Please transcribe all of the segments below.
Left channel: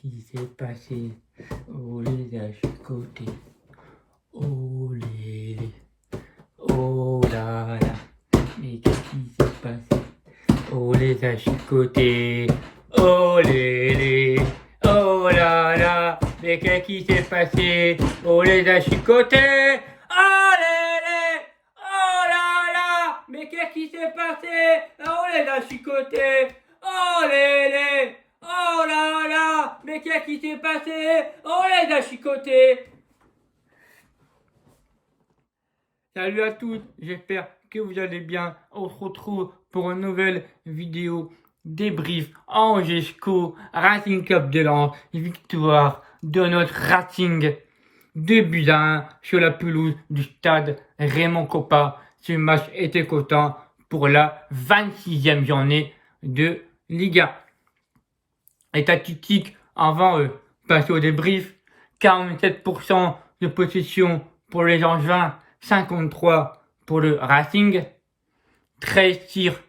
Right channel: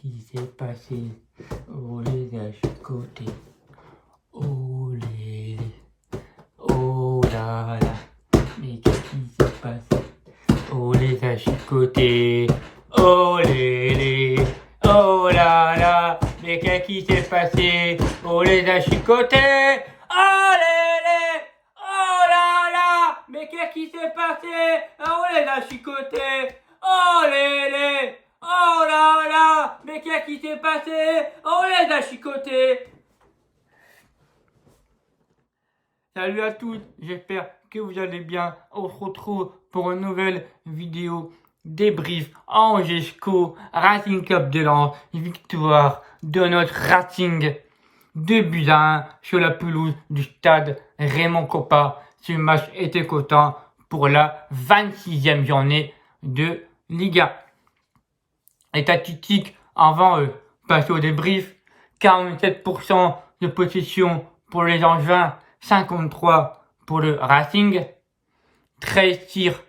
qui s'est passé? Oh les gars, je suis côté. Oh les. Oh là là. Mais qu'est-ce qui s'est passé? Oh les gars, je suis côté. Oh les. Oh là là. Mais qu'est-ce qui s'est passé? Oh les gars, je suis côté. Oh les. Oh là là. Mais qu'est-ce qui s'est passé? Oh les gars, je suis côté. Oh les. Oh là là. Mais qu'est-ce qui s'est passé? Oh les gars, je suis côté. Salut à tous, j'espère que vous allez bien. On se retrouve pour une nouvelle vidéo débrief Angesco Racing Club de Lens. Victoire de notre Racing 2-1 sur la pelouse du stade Raymond Kopa. Ce match était cotant pour la 26e journée de Liga. Les statistiques avant passer au débrief: 47% de possession pour les Angevins, 53 pour le Racing, 13 tirs,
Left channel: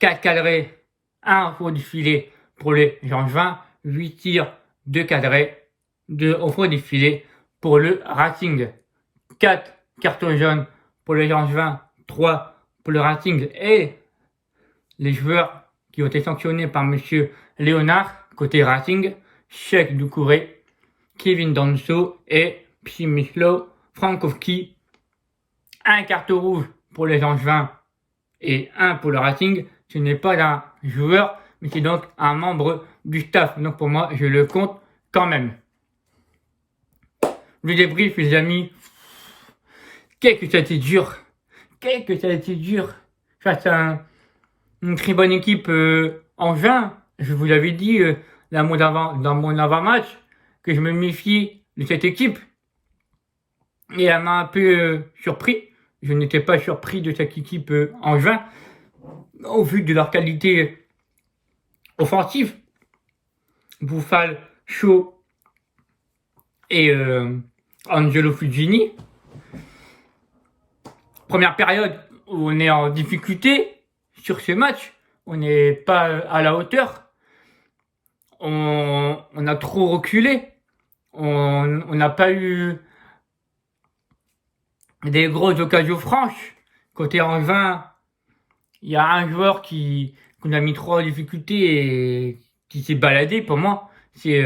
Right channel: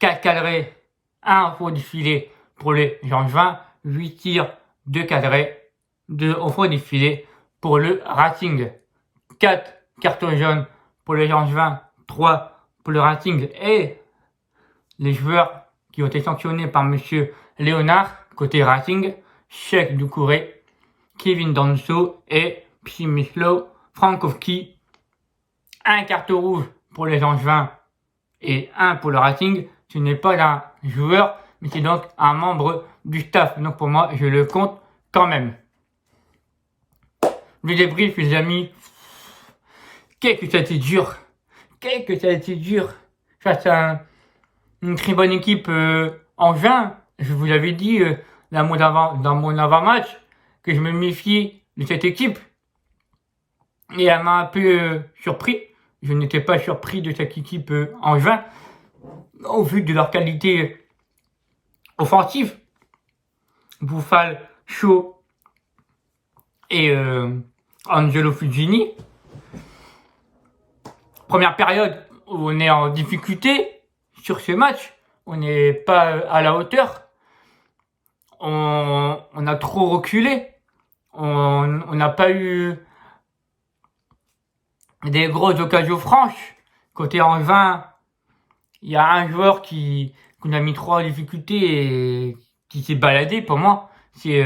4 cadrés, 1 au du filet pour les Angevins, 8 tirs, 2 cadrés, 2 au fond du filet pour le Racing, 4 cartons jaunes pour les Angevins, 3 pour le Racing, et les joueurs qui ont été sanctionnés par monsieur Léonard, côté Racing: Cheikh Doucouré, Kevin Danso et Przemysław Frankowski. Un carton rouge pour les Angevins et 1 pour le Racing. Ce n'est pas un joueur, mais c'est donc un membre du staff. Donc pour moi, je le compte quand même. Le débrief, les amis. Qu'est-ce que ça a été dur. Qu'est-ce que ça a été dur. Face à une très bonne équipe Angevin. Je vous avais dit dans mon avant-match que je me méfiais de cette équipe. Et elle m'a un peu surpris. Je n'étais pas surpris de cette équipe Angevin au vu de leur qualité offensive. Bouffal, Shaw et Angelo Fugini. Première période où on est en difficulté sur ce match. On n'est pas à la hauteur. On a trop reculé. On n'a pas eu des grosses occasions franches. Côté Angevin, il y a un joueur qu'on a mis trop en difficulté et qui s'est baladé pour moi. C'est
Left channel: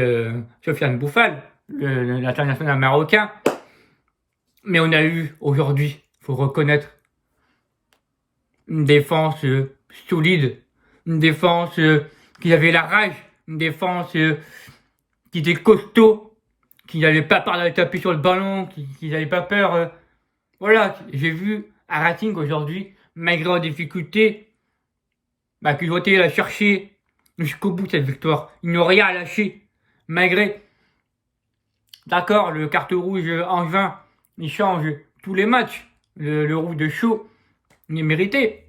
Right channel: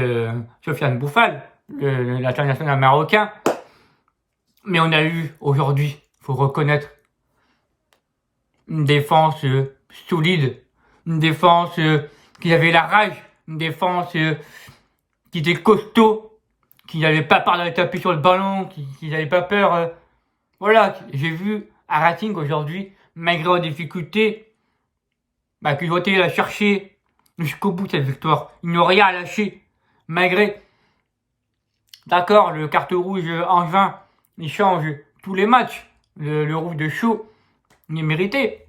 Sofiane Bouffal, l'international marocain. Mais on a eu aujourd'hui, faut reconnaître, une défense solide, une défense qui avait la rage, une défense qui était costaud, qui n'avait pas peur d'aller taper sur le ballon, qui n'avait pas peur. Voilà, j'ai vu à Racing aujourd'hui, malgré les difficultés, qu'ils ont été la chercher jusqu'au bout cette victoire. Ils n'ont rien à lâcher, malgré. D'accord, le carton rouge Angevin, il change tous les matchs. Le rouge de Shaw, il est mérité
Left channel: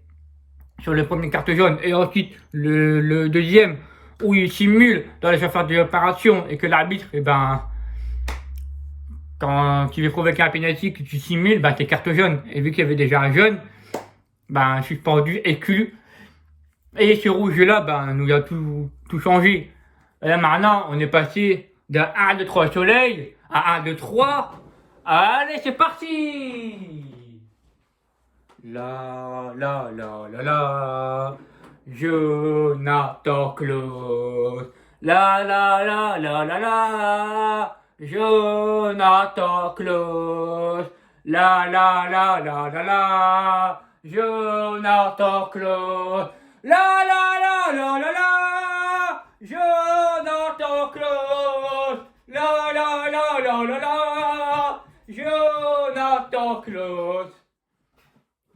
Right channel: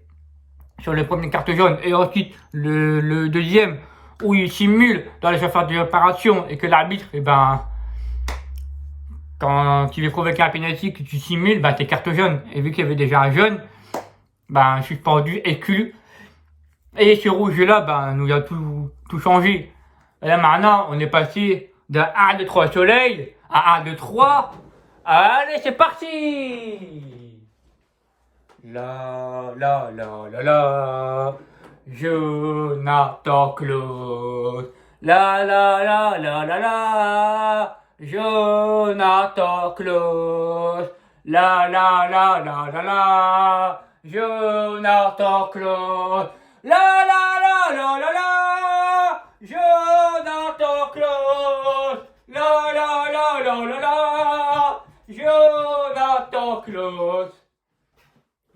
sur le premier carton jaune. Et ensuite, le deuxième, où il simule dans la surface de l'opération et que l'arbitre, quand tu veux provoquer un pénalty, que tu simules, c'est carte jaune. Et vu qu'il y avait déjà un jaune, suspendu, exclu. Et ce rouge-là, nous a tout changé. Et là, maintenant, on est passé de 1, 2, 3 soleil à 1, 2, 3. Allez, c'est parti! La, la, la, la, la. Jonathan Klaus. La, la, la, la, la, la. Jonathan Klaus. La, la, la, la, la, la. Jonathan Klaus. La, la, la, la, la, la. Jonathan Klaus. La, la, la, la, la, la. Jonathan Klaus.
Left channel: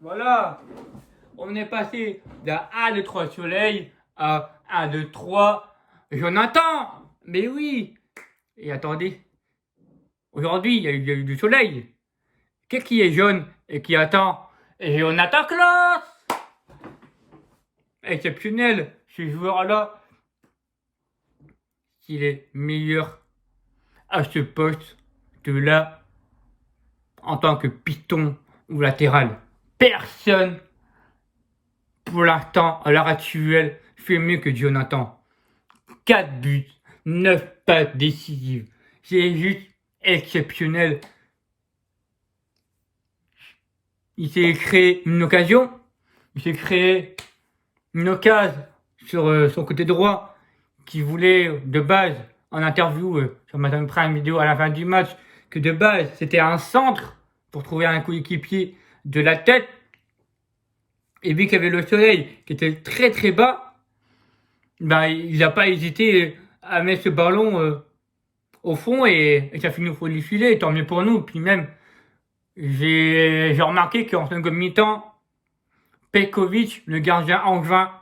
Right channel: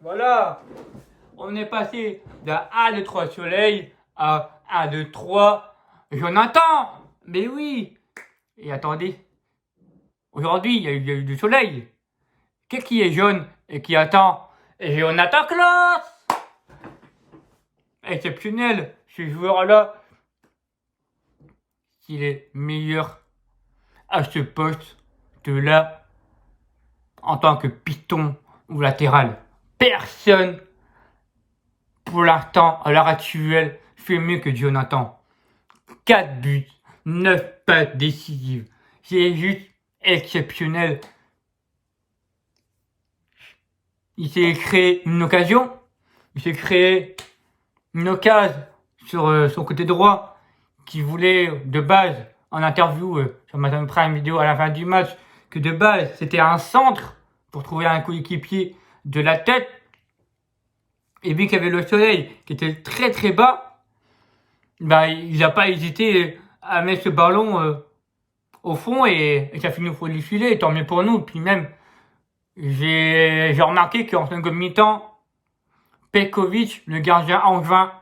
Voilà. On est passé d'un 1, 2, 3 soleil à 1, 2, 3 Jonathan. Mais oui. Et attendez. Aujourd'hui, il y a eu du soleil. Qu'est-ce qui est jaune et qui attend? Et Jonathan Klaus. Exceptionnel, ce joueur-là. Il est meilleur à ce poste de là en tant que piston ou latéral. Personne, pour l'instant, à l'heure actuelle, fait mieux que Jonathan. 4 buts, 9 passes décisives. C'est juste exceptionnel. Il s'est créé une occasion. Il s'est créé une occasion sur son côté droit qui voulait de base en interview sur Amazon Prime Video à la fin du match que de base c'était un centre pour trouver un coéquipier de la tête. Et vu qu'il y avait le soleil qui était très très bas, ben, il n'a pas hésité à mettre ce ballon au fond et ça finit au fond du filet, tant mieux pour nous. Puis même, j'ai remarqué qu'en seconde mi-temps, Petkovic, le gardien angevin,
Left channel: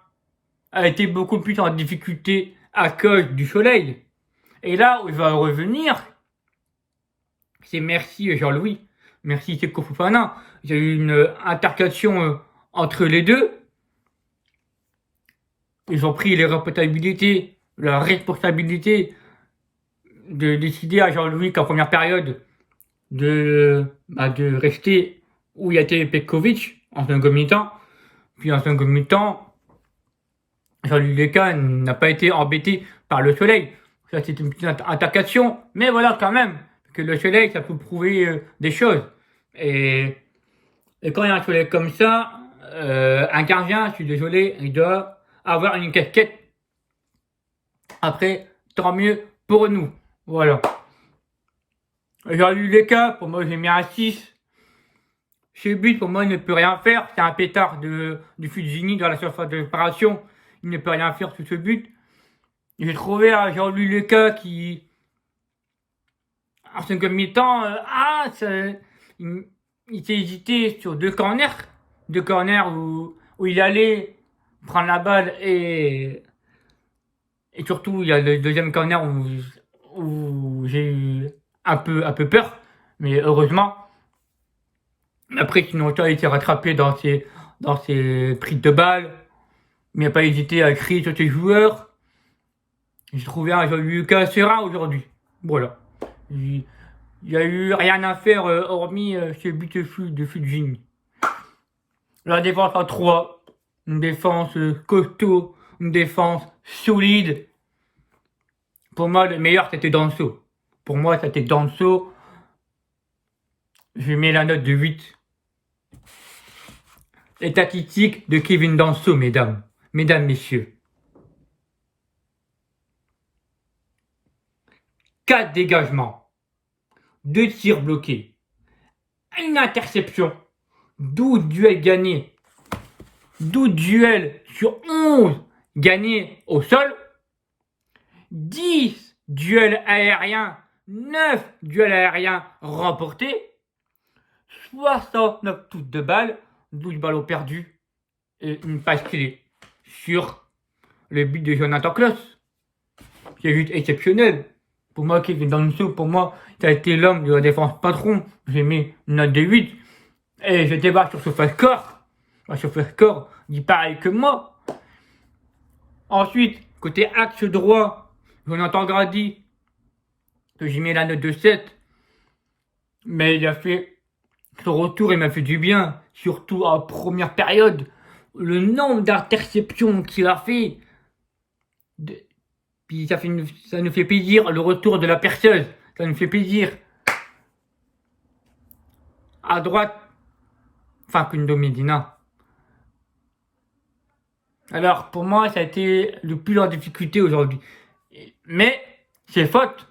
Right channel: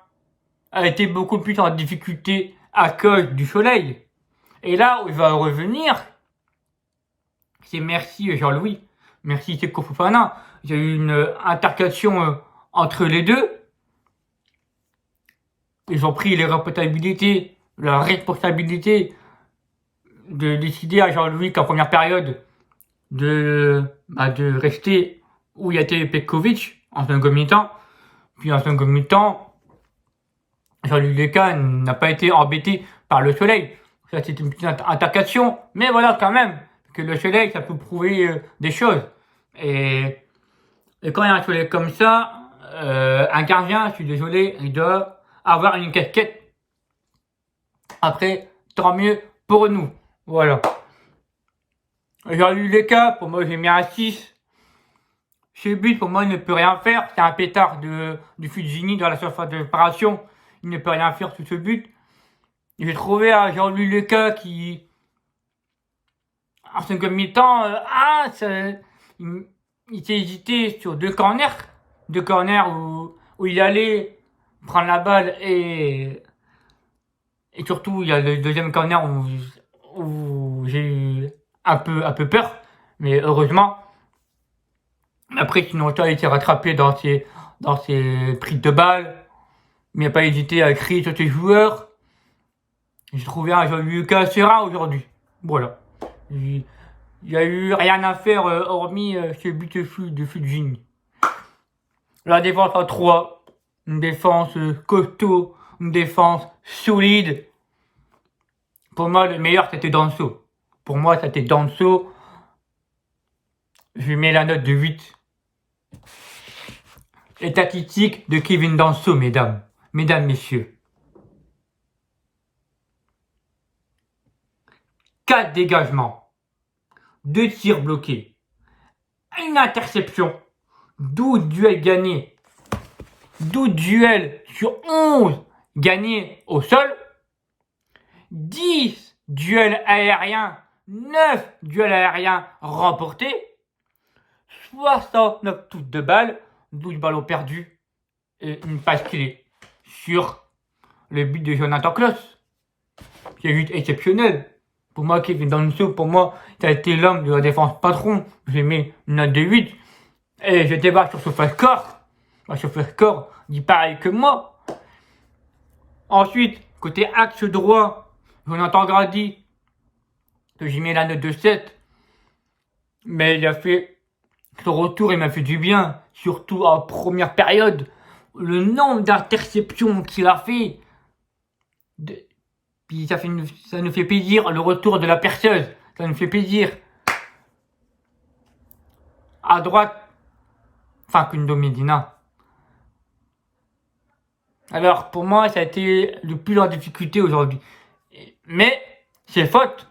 a été beaucoup plus en difficulté à cause du soleil. Et là où je vais revenir, c'est merci Jean-Louis, merci Seko Fofana. Il y a eu une intercation entre les deux. Ils ont pris la responsabilité de décider à Jean-Louis qu'en première période de rester où il y a été Petkovic en second mi-temps. Puis en second mi-temps, Jean-Louis Leca n'a pas été embêté par le soleil. Ça c'est une petite intercation, mais voilà quand même que le soleil ça peut prouver des choses. Et quand il y a un soleil comme ça, un gardien, je suis désolé, il doit avoir une casquette. Après, tant mieux pour nous. Voilà. Jean-Louis Leca, pour moi j'ai mis un 6. Chez but, pour moi, il ne peut rien faire. C'est un pétard du Fujini dans la surface de réparation. Il ne peut rien faire sur ce but. J'ai trouvé un Jean-Louis Leca qui, en second mi-temps, il s'est hésité sur deux corners. Deux corners où il allait prendre la balle et surtout, il y a le deuxième corner où j'ai eu un peu peur. Mais heureusement. Après, sinon, il a été rattrapé dans ses prises de balles. Mais il n'a pas hésité à crier sur ses joueurs. J'ai trouvé un Jean-Louis Leca serein aujourd'hui. Voilà. Il n'y a eu rien à faire hormis ce but de Fujin. La défense en 3. Une défense costaud. Une défense solide. Pour moi, le meilleur, c'était Danso. Pour moi, c'était Danso. Je mets la note de 8. Les tactiques de Kevin Danso, mesdames, messieurs. 4 dégagements, 2 tirs bloqués, une interception, 12 duels gagnés, 12 duels sur 11 gagnés au sol, 10 duels aériens, 9 duels aériens remportés, 69 touches de balles, 12 ballons perdus et une passe clé sur le but de Jonathan Klaus. C'est juste exceptionnel. Pour moi, Kevin Danso, ça a été l'homme de la défense patron. J'ai mis une note de 8. Et je débarque sur SofaScore. SofaScore dit pareil que moi. Ensuite, côté axe droit, Jonathan Grady, que j'ai mis la note de 7. Mais il a fait son retour, il m'a fait du bien. Surtout en première période. Le nombre d'interceptions qu'il a fait. Puis ça nous fait plaisir le retour de la perceuse. Ça nous fait plaisir. À droite, Facundo Medina. Alors pour moi, ça a été le plus en difficulté aujourd'hui. Mais c'est faute.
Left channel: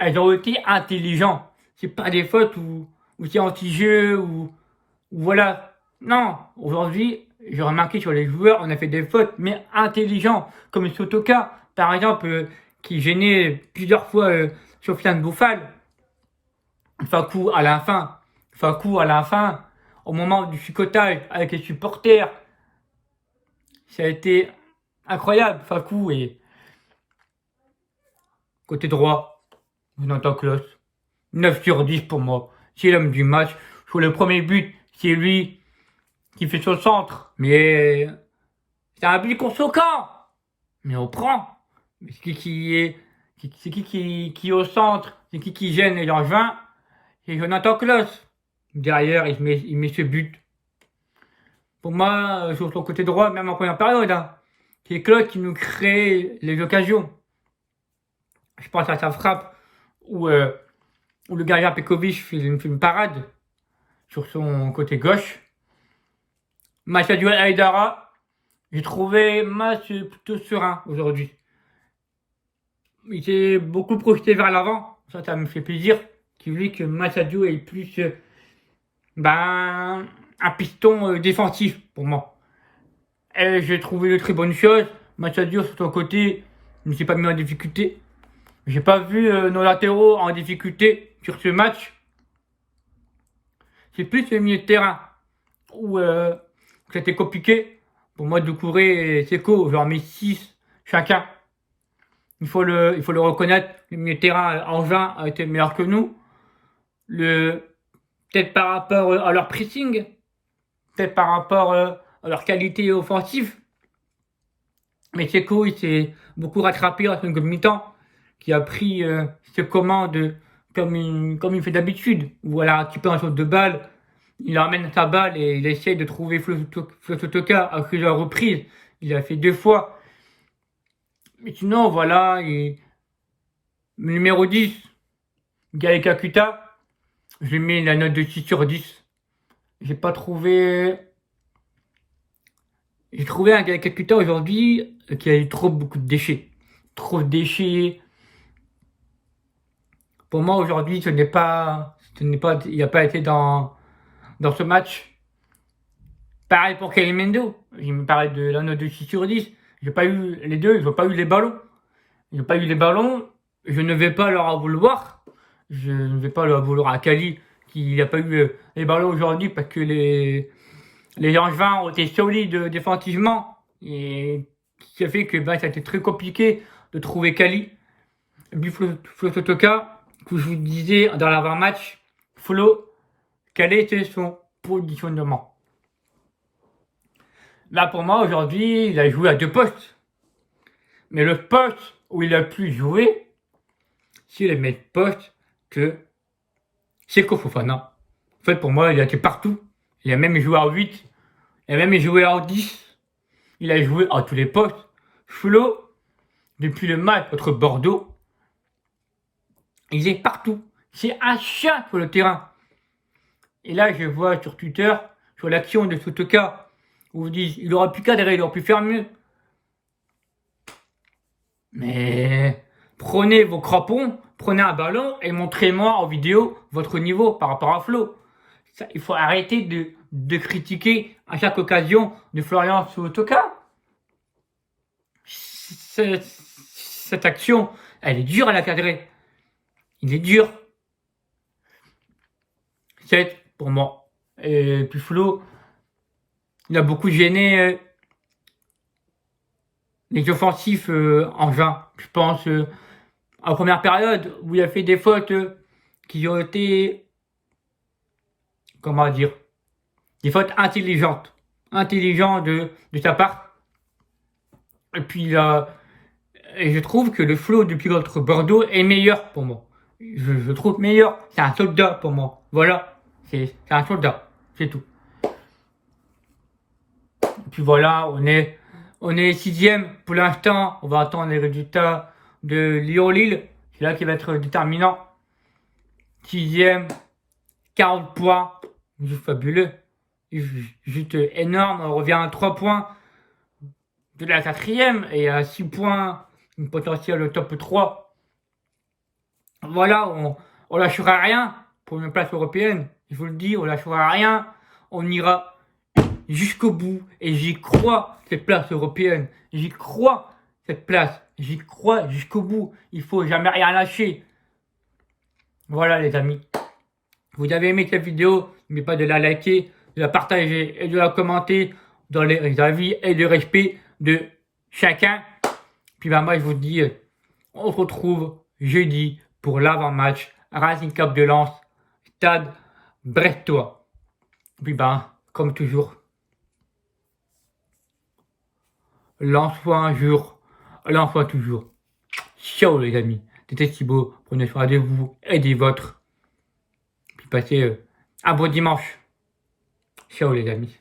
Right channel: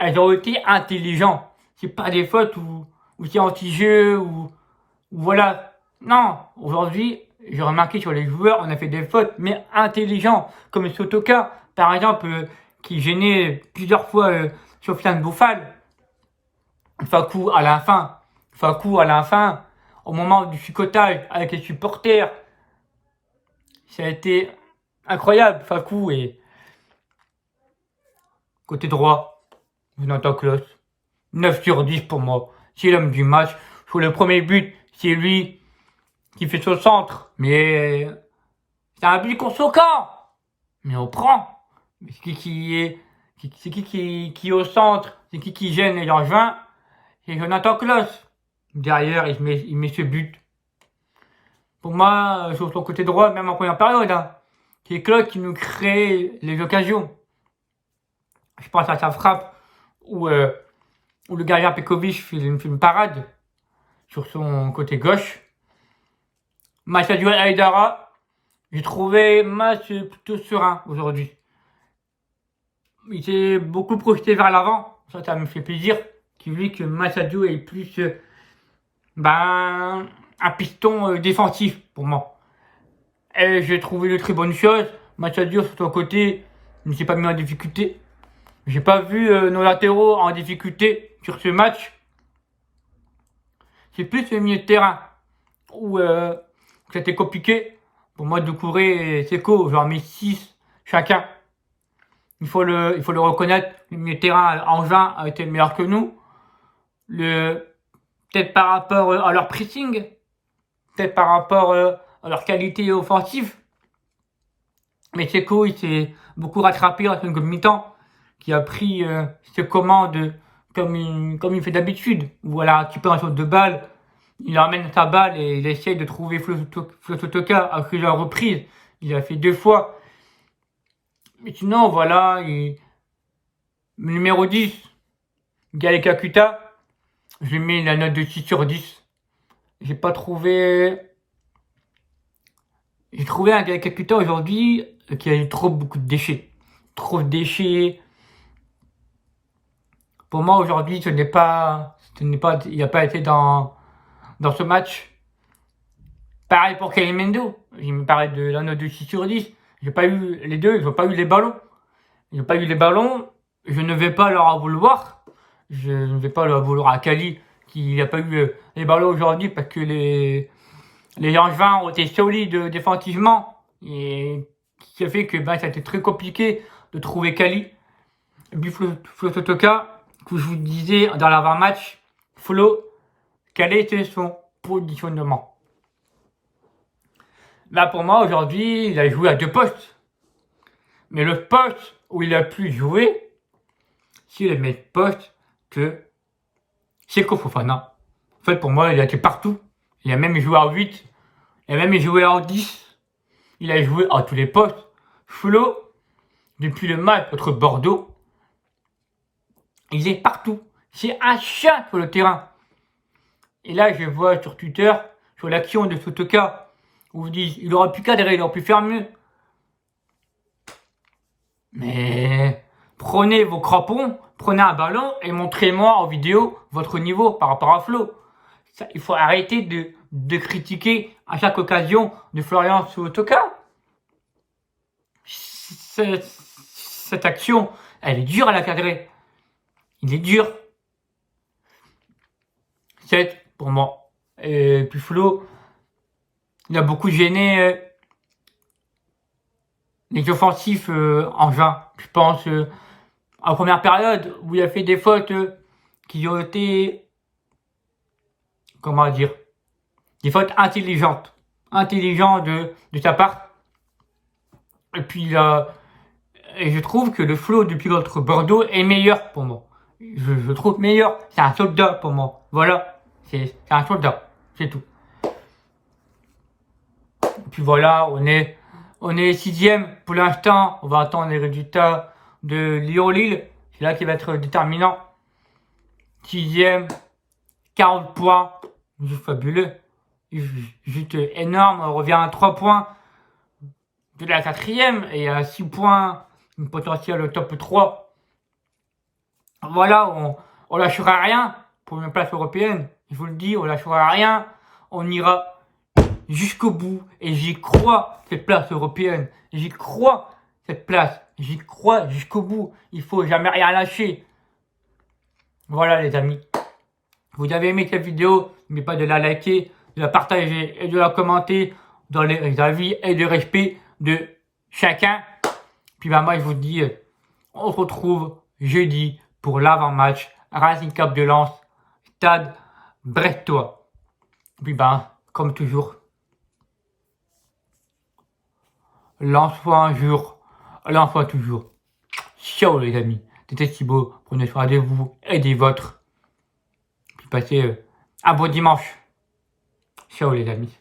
Elles ont été intelligentes. C'est pas des fautes où c'est anti-jeu ou voilà. Non, aujourd'hui, j'ai remarqué sur les joueurs, on a fait des fautes, mais intelligents, comme Sotoka, par exemple, qui gênait plusieurs fois Sofiane Bouffal. Fakou à la fin, au moment du chicotage avec les supporters, ça a été incroyable. Fakou et côté droit, Jonathan Klaus, 9 sur 10 pour moi. C'est l'homme du match. Sur le premier but, c'est lui qui fait son centre, mais c'est un but contre son camp. Mais on prend. Mais c'est qui est au centre, c'est qui gêne les Angevins, c'est Jonathan Klaus. Derrière, il met ce but. Pour moi, sur son côté droit, même en première période, c'est Klaus qui nous crée les occasions. Je pense à sa frappe où le gardien Pekovic fait une parade sur son côté gauche. Mathieu Aïdara, j'ai trouvé match plutôt serein aujourd'hui. Il s'est beaucoup projeté vers l'avant, ça me fait plaisir. Qui voulait que Massadio ait plus un piston défensif pour moi. Et j'ai trouvé de très bonnes choses. Massadio sur son côté ne s'est pas mis en difficulté. J'ai pas vu nos latéraux en difficulté sur ce match. C'est plus le milieu de terrain où c'était compliqué. Pour moi, Doucouré et Seko, j'en mets 6 chacun. Il faut le reconnaître. Le milieu de terrain, Angevin, a été meilleur que nous. Peut-être par rapport à leur pressing, peut-être par rapport à leur qualité offensive. Mais Seko, il s'est beaucoup rattrapé en seconde mi-temps, qui a pris ses commandes comme il fait d'habitude. Voilà, tu peux un saut de balle, il emmène sa balle et il essaye de trouver Flototoka à plusieurs reprises. Il a fait 2 fois. Mais sinon, voilà, numéro 10, Gaël Kakuta, j'ai mis la note de 6 sur 10. J'ai trouvé un Gaël Kakuta aujourd'hui qui a eu beaucoup de déchets. Trop de déchets. Pour moi, aujourd'hui, il n'a pas été dans ce match. Pareil pour Kalimendo. Il me parlait de la note de 6 sur 10. J'ai pas eu les deux, ils n'ont pas eu les ballons. Ils n'ont pas eu les ballons. Je ne vais pas leur en vouloir. Je ne vais pas leur vouloir à Kali qui n'a pas eu les ballons aujourd'hui parce que les Angevins ont été solides défensivement. Et qui a fait que ça a été très compliqué de trouver Kali. Et puis Flototoka, que je vous disais dans l'avant-match, quel était son positionnement? Là, pour moi, aujourd'hui, il a joué à 2 postes. Mais le poste où il a pu jouer, c'est le même poste que Seko Fofana. En fait, pour moi, il a été partout. Il a même joué à 8. Il a même joué à 10. Il a joué à tous les postes. Flo, depuis le match contre Bordeaux, il est partout. C'est un chien sur le terrain. Et là, je vois sur Twitter, sur l'action de Sotoka, où vous dites, il aurait pu cadrer, il aurait pu faire mieux. Mais prenez vos crampons, prenez un ballon et montrez-moi en vidéo votre niveau par rapport à Flo. Il faut arrêter de critiquer à chaque occasion de Florian Sotoka. Cette action, elle est dure à la cadrer. Il est dur. 7 pour moi. Et puis Flo, il a beaucoup gêné les offensifs en juin. Je pense en première période où il a fait des fautes qui ont été, comment dire, des fautes intelligentes de sa part. Et puis et je trouve que le Flo depuis contre Bordeaux est meilleur pour moi. Je trouve meilleur. C'est un soldat pour moi. Voilà. C'est un soldat. C'est tout. Et puis voilà, on est 6e pour l'instant. On va attendre les résultats de Lyon-Lille. C'est là qui va être déterminant. 6e, 40 points. Juste fabuleux. Juste énorme. On revient à 3 points de la 4e et à 6 points une potentiel au top 3. Voilà, on lâchera rien pour une place européenne. Je vous le dis, on lâchera rien. On ira jusqu'au bout. Et j'y crois, cette place européenne. J'y crois, cette place. J'y crois jusqu'au bout. Il faut jamais rien lâcher. Voilà les amis. Vous avez aimé cette vidéo, n'oubliez pas de la liker, de la partager et de la commenter dans les avis et le respect de chacun. Puis moi je vous dis, on se retrouve jeudi pour l'avant-match Racing Club de Lens, Stade Brestois. Puis comme toujours, Lens-toi un jour, Lens-toi toujours. Ciao les amis, c'était Thibaut, prenez soin de vous et des vôtres. Puis passez un bon dimanche. Ciao les amis.